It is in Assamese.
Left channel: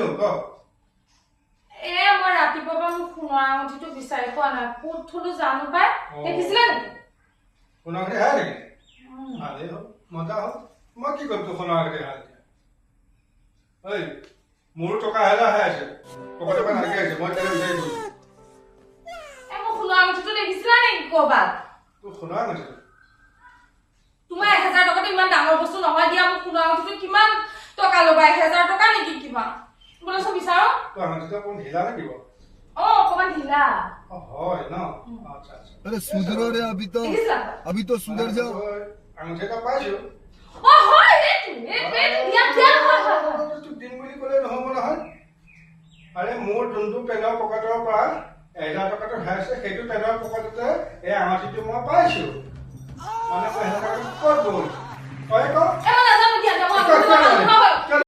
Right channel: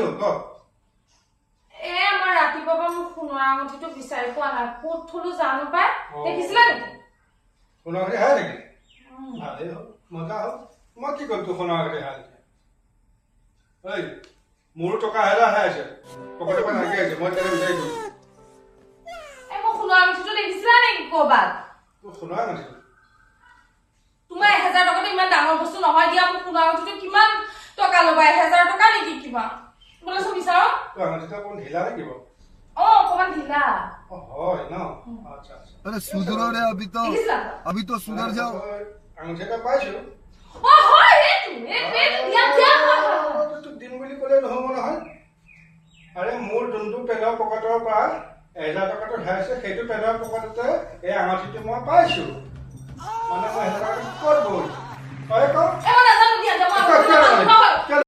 হ'ল ক মই ৰাতিপুৱা মোৰ সোণৰ আঙুঠিটো বিচাৰি পোৱা নাই ক'ত থলো জানো পাই দেখিছিলা নেকি সোণৰ আঙুঠি হে নেকি ভালেই হ'ল মজা হ'ল মই কি কৰিম তোৰ সোণৰ আঙুঠি হে ঐ মোৰো টকা হেৰা হে আছে পকেটৰ পৰা নাইকিয়া আছে মই কেনে বিচাৰি দিম মই সোণৰ আঙুঠিটো দেখিছিলা নেকি ক'ৰবাত তোৰ সোণৰ আঙুঠি তোমাৰ 1000 টকাটো ইমান ডাঙৰ বস্তু নহয় দিয়া মোক সোণৰ আঙুঠিটো কিমান টকা ল'বা 1000 টকা নেকি কিবা বলে সব বিচাৰো তোৰ আঙুঠিটো কোন ঢিলা নেকি অকমান ঢিলা হয় না अच्छा अच्छा अरे सुधरो रे अभी तो सुधर जाओ अंगूठे का पाइছো হয় এটো দিয়া তো দিন বুলি কলে নহব নহয় আরে মোৰ দুন্দু পেনৰ পকেটৰ পৰা 1000 টকাটো হেৰাইছে সেইটো পেনৰ পকেটতে এই আঙুঠিটো মই পাইছো